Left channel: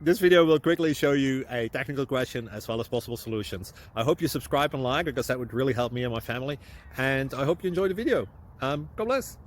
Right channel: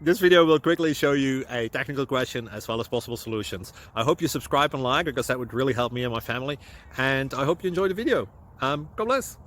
This video will quickly show you a technical question as well as possible solutions. I hope you subscribe and like, because that would really help me and my family. And I hope you enjoy the video. God bless.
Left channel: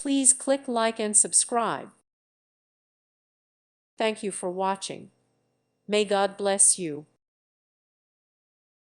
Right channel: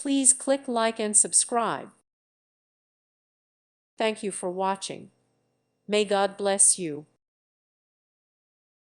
Please click like and subscribe. Thank you for watching. May God bless you.